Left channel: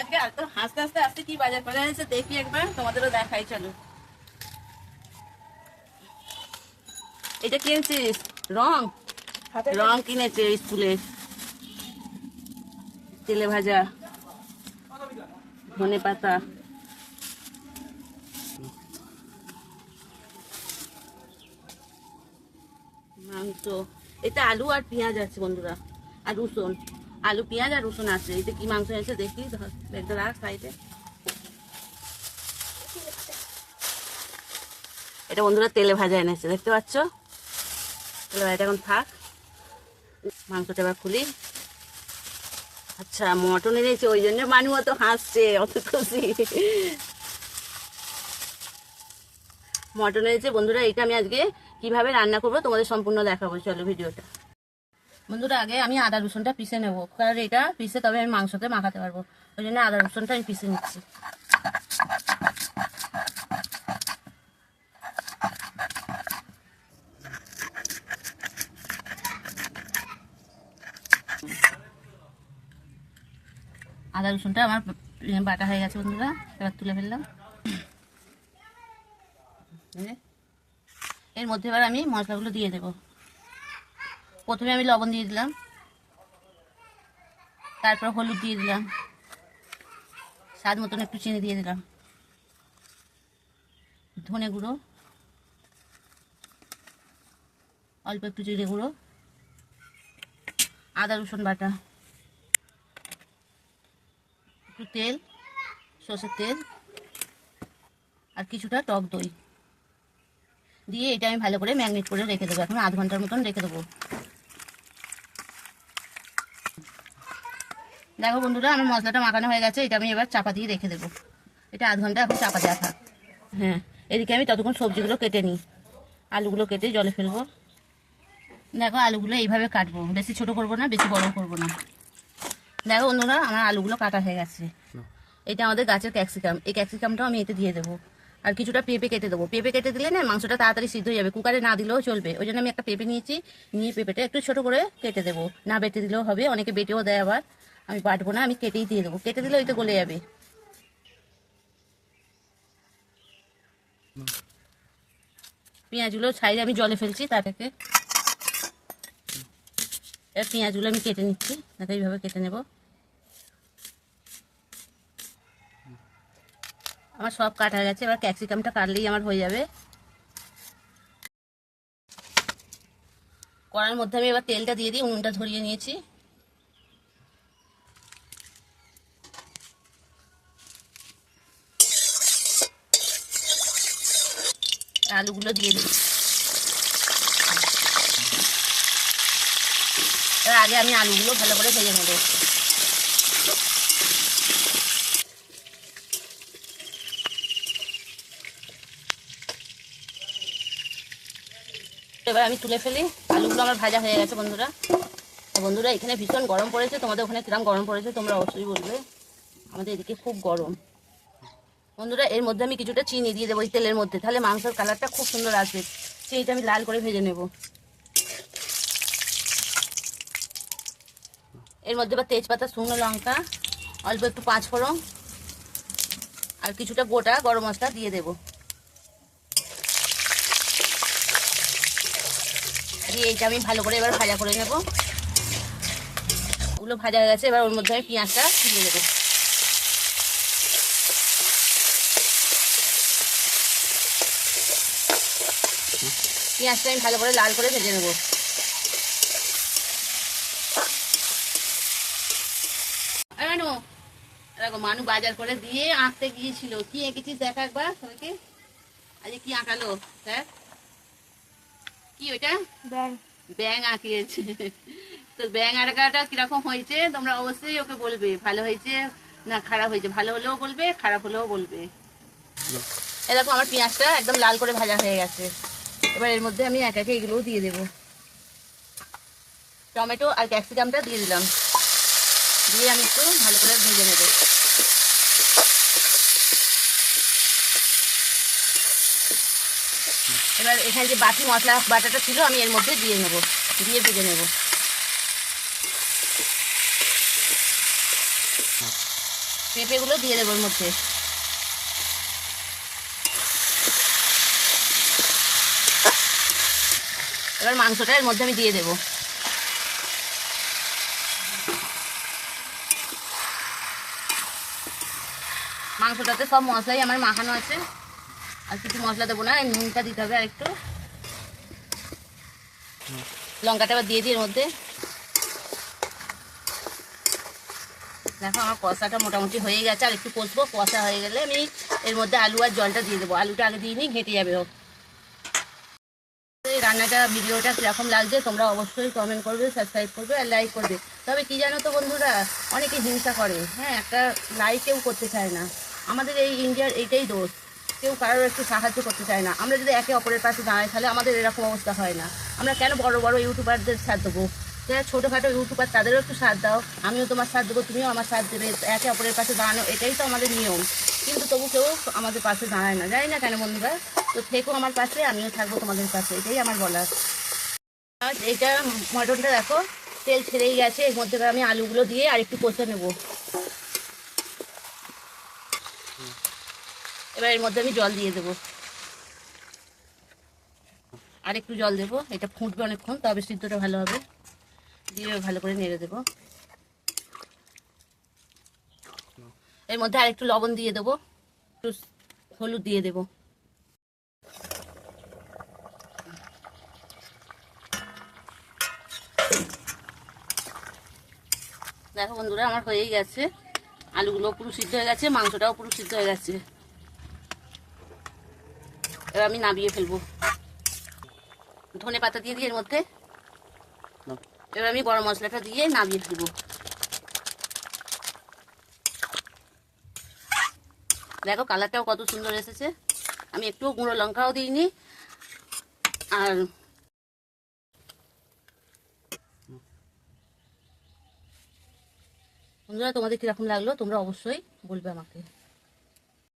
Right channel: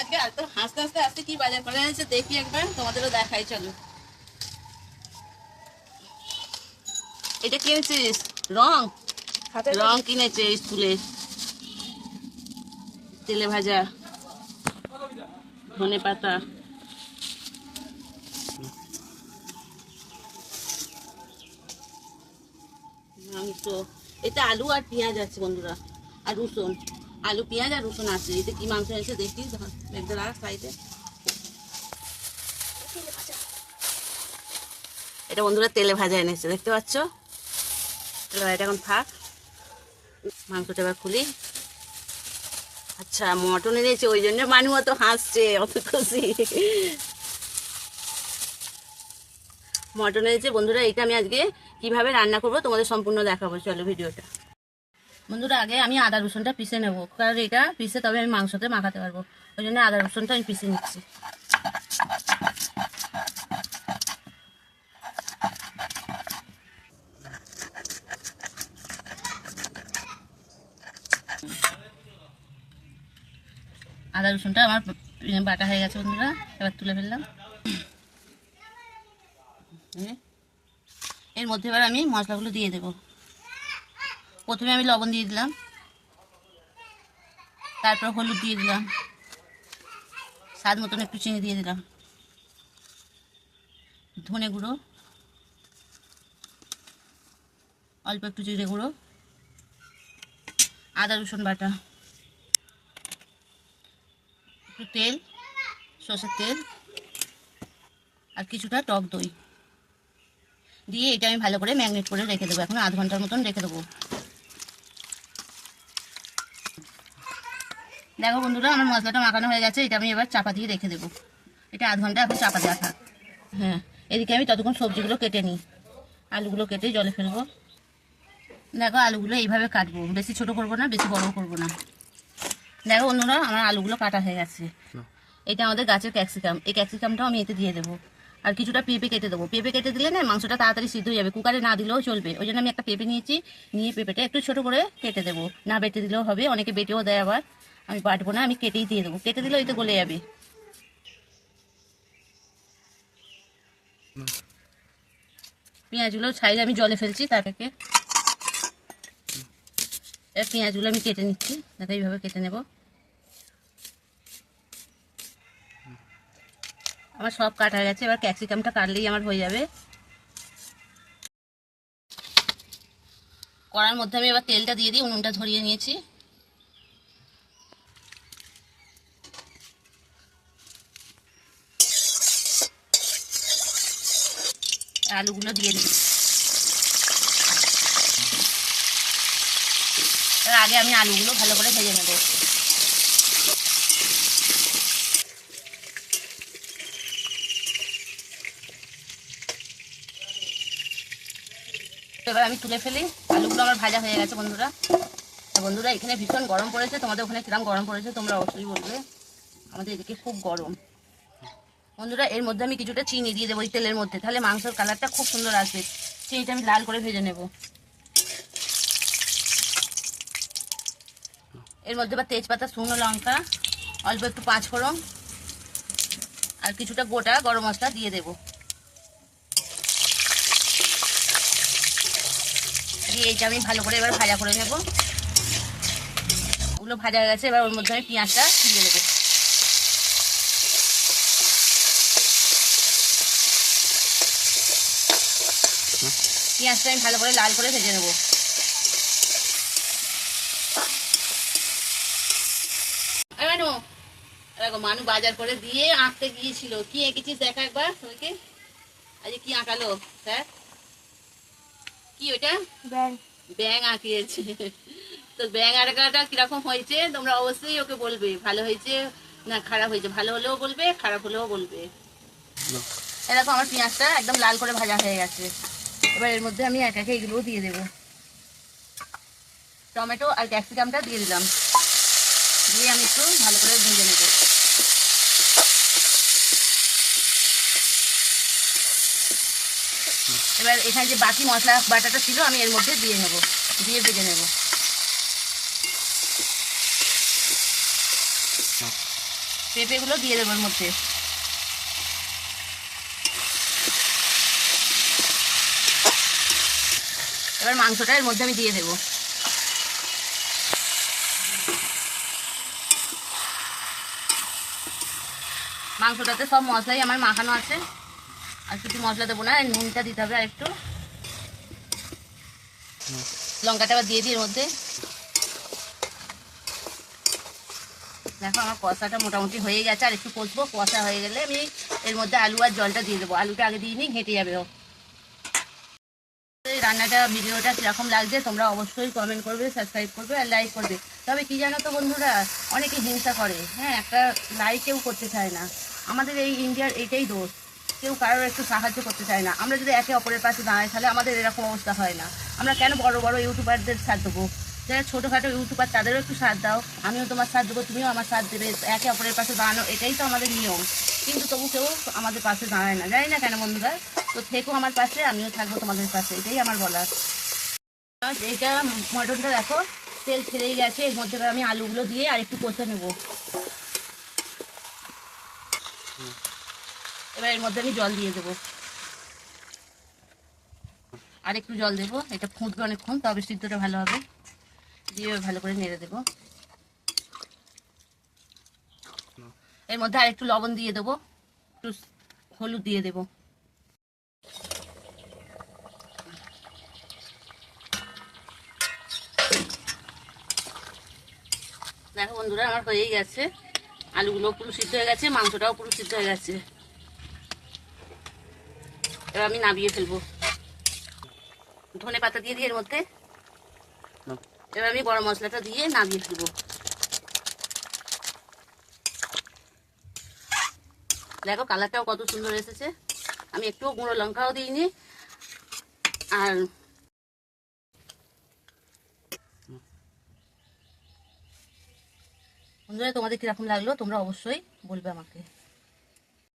আজকে এত হাসতে হাসতে আজকে কি বাজার করে দেখি একবার তোমাদেরও দেখাই চলো। এটা কিনেছিস? রং? রং কিনেছে স্কুলে। তেলে ভাজা। ধনে পাতা। মাংস। এটা আলু আর পেঁয়াজ আছে বন্ধুরা। আর রসুন, আলু, পেঁয়াজ আর রসুন আছে। এতে কি মাংস এনেছে, দেখি, ধর রাখ সাইডে এটা বন্ধুরা তেলে ভাজা এনেছে, দেখতে পাচ্ছ? তেলে ভাজাটা এখন থাক। মাংসটা এবার খুলি। আচ্ছা মটন এনেছে, ওই জন্য মানু অত হাসছে, অত খুশি। মটন এনেছে, বন্ধুরা, এটা আমি আজকে কীভাবে রান্না করব তোমাদের সম্পূর্ণ দেখাবো। চলো, ভিডিওটা। বন্ধুরা, আগে আমি আদা রসুনটা পিষে নেব। কারণ এটা পিষে তবে আমি মাংসতে মাখাতে পারব। ওই জন্য আদা রসুনটা আমি পিষে নিচ্ছি। আদা রসুনটা আমার বাটা হয়ে গেছে বন্ধুরা, এবার তুলে ফেললাম। এর মধ্যে এবার আমি মশলাগুলো দিয়ে দেব। প্রথমে আমি লবণ দিয়ে দিলাম। তারপর হলুদ দিয়ে দিলাম। স্বাদ মতন একটু চিনি দিয়ে দিলাম। ধনে গুঁড়ো। অল্প একটু জিরে গুঁড়ো। আদা, রসুন বাটা। একটু তেল, সর্ষের তেল আর কিছুটা টক দই। দিয়ে এটা আমি ভালো করে ম্যাগনেট করে রেখে দেবো। এখন আধ ঘণ্টার মতন রেখে দেবো। দেখো বন্ধুরা আমার মশলাটা মাখানো হয়ে গেছে এটা আমি এবার চাপা দিয়ে রেখে দেবো। এটা আধ ঘণ্টা এখন চাপা থাক হ্যাঁ এদিকে আমি ততক্ষণ সবজিগুলো কেটে নিই। আলুগুলো কেটে জলে ফেলব। দেখো আলুগুলো এইভাবে কাটবো। বেশি ছোট করব না বেশি বড় করব না। দেখো বন্ধুরা আমার আলুগুলো কাটা হয়ে গেছে। এটা আমাদের গাছের ক্যাপসিকাম। এই ক্যাপসিকামটাও আমি এতে দিয়ে দেবো। আর কিছুটা পেঁপে কেটে দেবো। পেঁপে কেটে দিলে না মাংসটা তাড়াতাড়ি সিদ্ধ হয়ে যাবে। কুকারে না দিলেও চলবে। ওই জন্য আমি একটা পেঁপে নিয়েছি। নিয়ে পেঁপেটা একটু ছোট করে কেটে দেবো। না বেটে দিলেও হবে অনেকে বেটেও দেয় আবার। আমি বাটবো না, আমি কেটেই দিয়ে দেবো। কেটে দিলে ওই তো গলে যাবে। পেঁয়াজগুলো ছাই, আমি জলে ফেলছি তার থেকে এবার পেঁয়াজগুলো আমি কেটে নিচ্ছি দেখো এইভাবে কেটে নেব। আমার সব কাটা গেছে, এবার ক্যাপসিকামটা কাটলেই আমার হয়ে যাবে। কড়ার মধ্যে আমি এবার তেলটা দিয়ে দিই উনুনটা ধরিয়ে নিয়েছি। আলুগুলো দিয়ে দিই। এবার আগে আমি আলুগুলো ভালো করে ভেজে নেব। এবার আমি তুলে ফেলি। আলুগুলো আমার ভাজা হয়ে গেছে বন্ধুরা। বন্ধুরা, এখানে ভীষণ গরম পড়েছে। তোমাদের ওখানে কিরম গরম পড়েছে তোমরা অবশ্যই বলবে। আমাদের এদিকে খুব গরম। বন্ধুরা, এর মধ্যে আমি কিছুটা চিনি দিয়ে দেবো এই তেলের মধ্যে। তাহলে মাংসের কালারটা খুব সুন্দর আসবে। চিনিটা আমি লাল করে ভেজে নেব। এর মধ্যে বা তেজপাতা, শুকনো লঙ্কা, অল্প একটু পাঁচ ফোড়ন আর কিছুটা গোটা গরম মশলা দিয়ে দেব। দিয়ে এইটা আমি ভালো করে এবার ভাজা করে নেব। ওগুলো ভাজা হয়ে গেছে, এবার ওর মধ্যে আমি পেঁয়াজটা দিয়ে দেবো। পেঁয়াজটা আমি ভালো করে লাল করে ভেজে নেব। মানু দেখো মানু বাজার করে দিয়ে আঁকতে গিয়েছিল। কি এঁকেছিস দেখা একবার সবাইকে আজকে কি আঁকালো স্যার কি ওটা ব্যাং ব্যাং আঁকিয়েছে। তো ব্যাং আঁকাটা কীরকম হয়েছে তোমরা অবশ্যই ওকে বলবে। ভালো হয়েছে না খারাপ হয়েছে? ভালো হলেও বলবে খারাপ হলেও বলবে। এরকম আমার পেঁয়াজটা একদম লাল করে ভাজা হয়ে গেছে। এবার এর মধ্যে আমি এক একে এগুলোও দিয়ে দেবো। টমেটো আর ক্যাপসিকামটা দিয়ে দিলাম। দিয়ে আমি একটু ভালো করে ভেজে নেব। এবার এখানে যে বাকি মশলা বাটাটা ছিল, আমি এর মধ্যে দিয়ে নেব। দিয়ে ভেজে নেব। পেঁপেগুলো দিয়ে দেবো এর মধ্যে। এবার মাংসটা এর মধ্যে আমি দিয়ে দেবো। মাংসটাতে সব মশলাই আমার মাখানো আছে। আর কিছু মশলা দেবো না নুনটা দিতে হবে আর একটু। লঙ্কাটা আবার দিয়ে দিই এর মধ্যে। দেখো, আমার কষাটা মোটামুটি হয়ে গেছে, আর একটু কষবো। কষা হয়ে গেলে আমি এর মধ্যে আলু আর জলটা দিয়ে দেবো। আলুটা আগে দিয়ে নিই, ঘেঁটে যাবে এই রান্নাটা ভিডিওটা কীরকম লাগছে, তোমরা অবশ্যই কমেন্ট করবে সাবস্ক্রাইব করবে আর লাইক করবে। তবে কি জানো তো বন্ধুরা, অনেকে হিংসা করে। হ্যাঁ একটা লাইক কেউ করতে চায় না। আমাদের এই ইন্ডিয়ার এইটাই দোষ। কেউ কারোর একটু সাহায্য করতে চায় না। আমরা যদি একে অপরের পাশে দাঁড়াই, তাহলে আমাদের এরকম অবস্থা হয় না। আমরা কেন বড় বড় ইউটিউবারদের সাথ দেবো? যারা ছোটোখাটো ইউটিউবার তাদেরও একটু সাথ দাও। আমিও তোমার সাথ দেবো, তুমিও আমার সাথ দেবে। একে অপরের পাশে দাঁড়ানো, এটাই তো আমাদের নিয়ম। কিন্তু তবু কেউ আমাদের পাশে দাঁড়ায় না। জানি না কেন বন্ধুরা। তো থেকো আমার কাছে, আমিও থাকব তোমাদের কাছে, এটাই আমার বলার। আর এটা মটনটা দেখো, তেল ছেড়েই গেছে, এর মধ্যে আমি আলুগুলো দিয়ে আর একটু কষে নেব। এবার এর মধ্যে আমি জল দিয়ে দেবো। আর একটু জল দেবো, এটা ফুটবে অনেকক্ষণ, তবে সিদ্ধটা ভালো হবে। দিয়ে ভালো করে নেড়ে দেবো। এর মধ্যে আর একটু লবণ দিয়ে দেবো, একটু হলুদ দিয়ে দেবো। দেখো বন্ধুরা আমার হয়েই গেছে। আলুগুলো পুরো সিদ্ধ হয়ে গেছে মাংসটাও পুরো সিদ্ধ হয়ে গেছে। এবার আমি নামিয়ে ফেলব। ধনে পাতা দিয়ে দিই এর মধ্যে। এবার আমি গরম মশলাটা দিয়ে নামিয়ে ফেলব। দেখো কালারটাও কত সুন্দর এসেছে। আমি একটু গুঁড়ো লঙ্কাও দিইনি। আর বন্ধুরা তোমাদের কীরকম লাগল? তোমরা অবশ্যই বলবে আমাকে।